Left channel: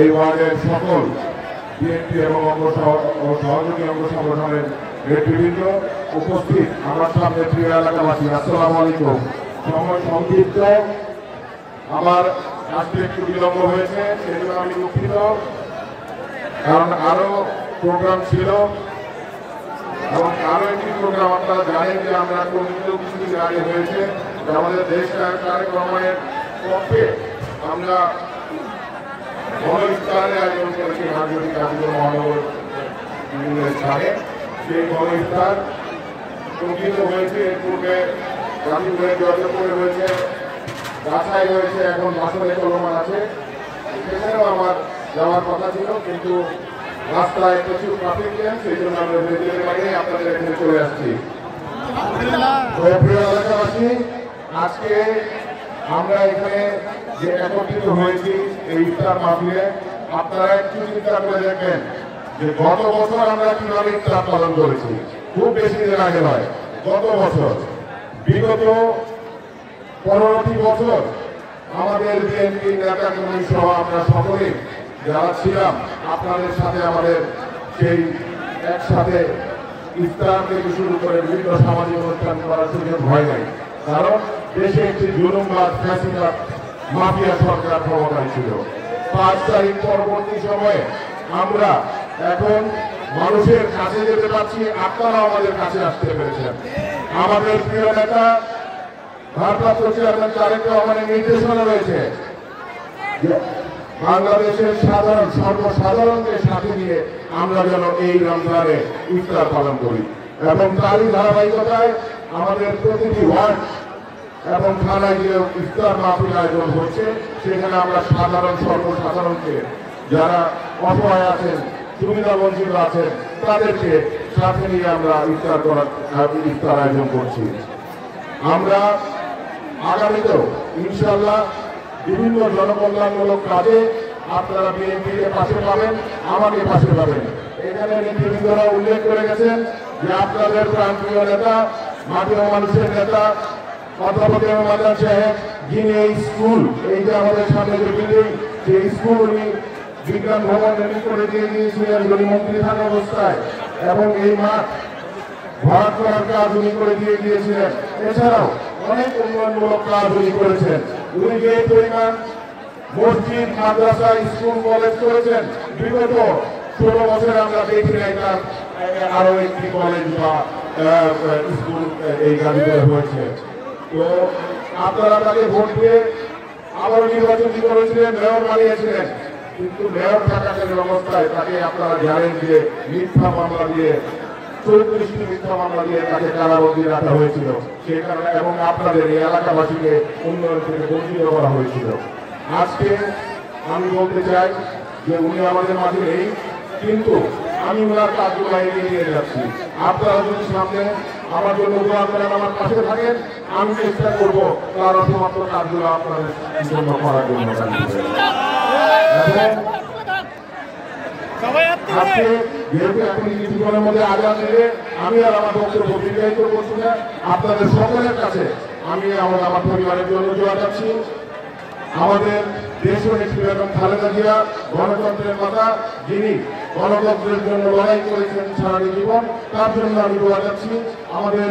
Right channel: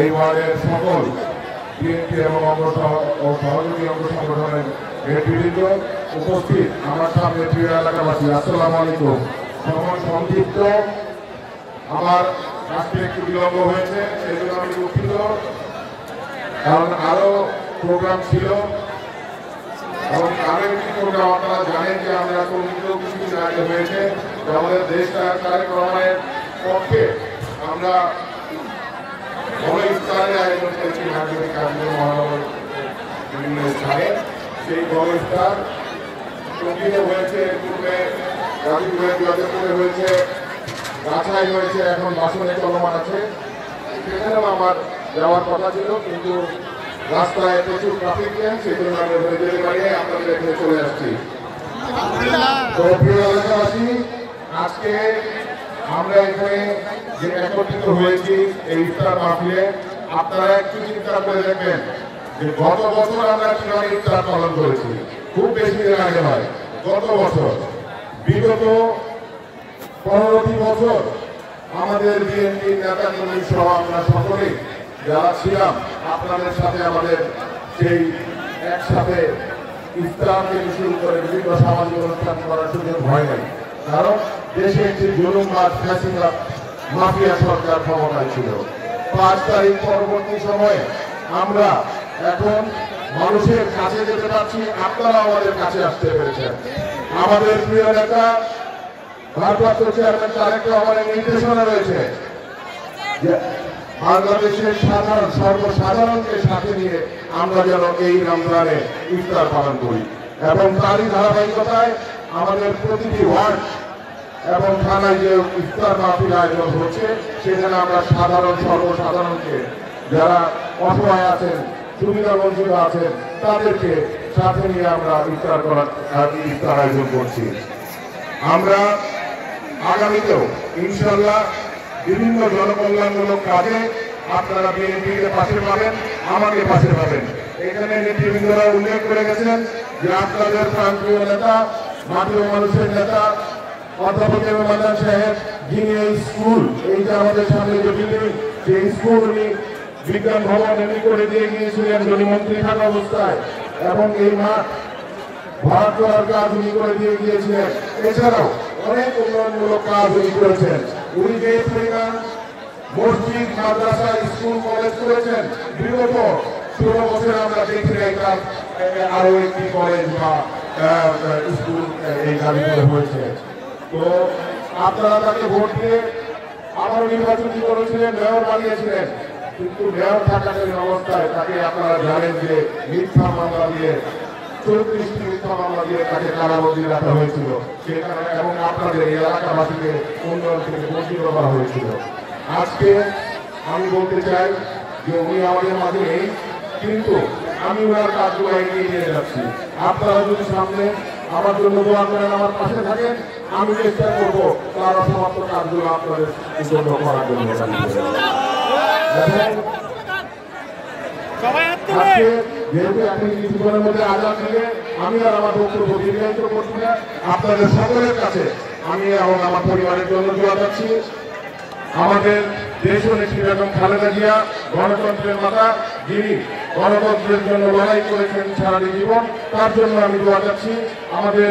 এই ওয়ার্ডের সকল বিএনপি এবং সহযোগী অঙ্গ সংগঠনের নেতৃবৃন্দ উপস্থিত, আমার সামনে প্রিয় এলাকাবাসী, আসসালামু আলাইকুম। সময় সংক্ষিপ্ত, আমার আজকে একটু বিলম্ব হয়েছে, সেই জন্য আমি দুঃখিত, কারণ আরো প্রোগ্রাম ছিল এবং আরো একটি প্রোগ্রাম আপনারা জানেন যে আমরা কমিটিও কিছুদিন আগে হয়েছে, আমাদের দেশ তারেক রহমানের পক্ষে আমরা বড় ইফতারের আয়োজন করেছি মাননীয় কাজীপুর মহানগর বিভিন্ন স্থানে। সেই বড় ইফতার কমিটিতে হয়েছে, পূর্বে গাজীপুরের জগৎপুরে হয়েছে, বাছাই হয়েছে, এখন বাসনে চলমান আছে। সেখানেও আমার যাওয়ার কথা ছিল, কিন্তু রাস্তায় প্রচুর ট্রাফিক জ্যাম, সেই জন্য আমরা হয়ে যেতে পারি নাই, আপনাদের এখানে চলে আসছি। প্রিয় এলাকাবাসী, আজকে আমরা এখানে যে একত্রিত হয়েছি এই ইফতার মাহফিলে, আপনারা একটু চিন্তা করে দেখবেন যে গত বছর আমরা কিভাবে ইফতার পালন করেছি। খুব বেশি দিন আগে নয়, গত বছর, বিগত 15টি বছর আমাদের বিএনপি নেতা কর্মী সহ আমরা সকলে যারা ছিলাম, আপনাদের সাথে আমাদের সেই একসাথে ইফতার থেকে শুরু করে বিভিন্ন সামাজিক অনুষ্ঠান করার সুযোগ হয় নাই, কারণ দেশে একটি জুলুমবাদ ফ্যাসিবাদ মাফিয়া সরকার ক্ষমতায় ছিল। 5 তারিখ পরবর্তী সময়ে আমরা এখন মানুষের কাছে যেতে পারছি, আপনারা আমাদের কাছে আসতে পেরেছেন। আমাদের প্রিয় নেতা ভারপ্রাপ্ত চেয়ারম্যান তারেক রহমানের নির্দেশনা রয়েছে যে বাংলাদেশের সর্বসাধারণকে সাথে নিয়ে আমরা যেন এই রমজানে ইফতার পালন করি, এবং তারই ধারাবাহিকতায় আমাদের প্রতিটি ওয়ার্ড এবং থানায় যে ইফতার মাহফিল আয়োজন হচ্ছে, সেখানে আমরা সর্বসাধারণকে যারা অসহায় আছেন, সুবিধা বঞ্চিত আছেন, তাদেরকে সাথে নিয়ে আমরা ইফতার আয়োজন করছি। আমরা আগামীতেও ইনশাআল্লাহ বিভিন্ন জনকল্যাণমূলক কাজে আপনারা বিএনপিকে পাশে পাবেন, আমাকে পাশে পাবেন। এখানে নেতৃবৃন্দরা উল্লেখ করে গেছেন যে আপনাদের প্রান্তীয় নেতা, মাটির মানুষের নেতা অধ্যাপক মাদান সাহেব, যিনি এই স্কুল, এই যে আমাদের সামনে যে বিল্ডিং, সেই স্কুল উনি বিজ্ঞান ভবন তৈরি করে দিয়ে গিয়েছিলেন যিনি মন্ত্রী থাকা অবস্থায়, এবং এই মাঠ ভরাট করার কাজ উনি করে দিয়ে গিয়েছিলেন। এছাড়াও অনেক উন্নয়নমূলক কাজ উনি করেছেন। উনি যে পরিমাণ মসজিদ, মাদ্রাসা, স্কুল, কলেজ করেছেন, বিগত 16 বছরে আমরা দেখি নাই তার আরো একটি কলেজ বা স্কুল এই গাজীপুরে হয়েছে। তো আপনারা তাকে ভোট দিয়ে আবার নির্বাচন করেছিলেন, মেয়র বানিয়েছিলেন, কিন্তু মেয়র থাকাকালীন অবস্থায় তাকে আপনারা জানেন যে মিথ্যা মামলা দিয়ে 34টি মিথ্যা মামলা দিয়ে তাকে কারাবন্দী রাখা হয়েছিল, সেখানে এবং আপনাদের এলাকাবাসীকে উন্নয়ন থেকে বঞ্চিত করা হয়েছিল। আজকে আমি বলতে চাই যে উনি আমাদের মাঝে নেই, কিন্তু আমি ওনার কাজগুলো এগিয়ে নিয়ে যাচ্ছি। আপনারা যদি সামনে আমার জন্য দোয়া করেন, আমার পাশে থাকেন, আমি চেষ্টা করবো তারা সমস্ত কাজগুলো আপনাদের জন্য করার জন্য। যেহেতু এখন কিছুক্ষণের মধ্যে আজাদ দেবে, আমি আর আমার বক্তব্য দীর্ঘায়িত করছি না। আপনাদের সকলের কাছে আমি আমার পরিবারের জন্য দোয়া চাচ্ছি। আমাদের দেশ নেত্রী বেগম খালেদা জিয়া গণতন্ত্রের মাতা, যিনি গণতন্ত্রের জন্য লড়াই করেছেন সারা জীবন, তার জন্য আমি দোয়া চাচ্ছি। আমাদের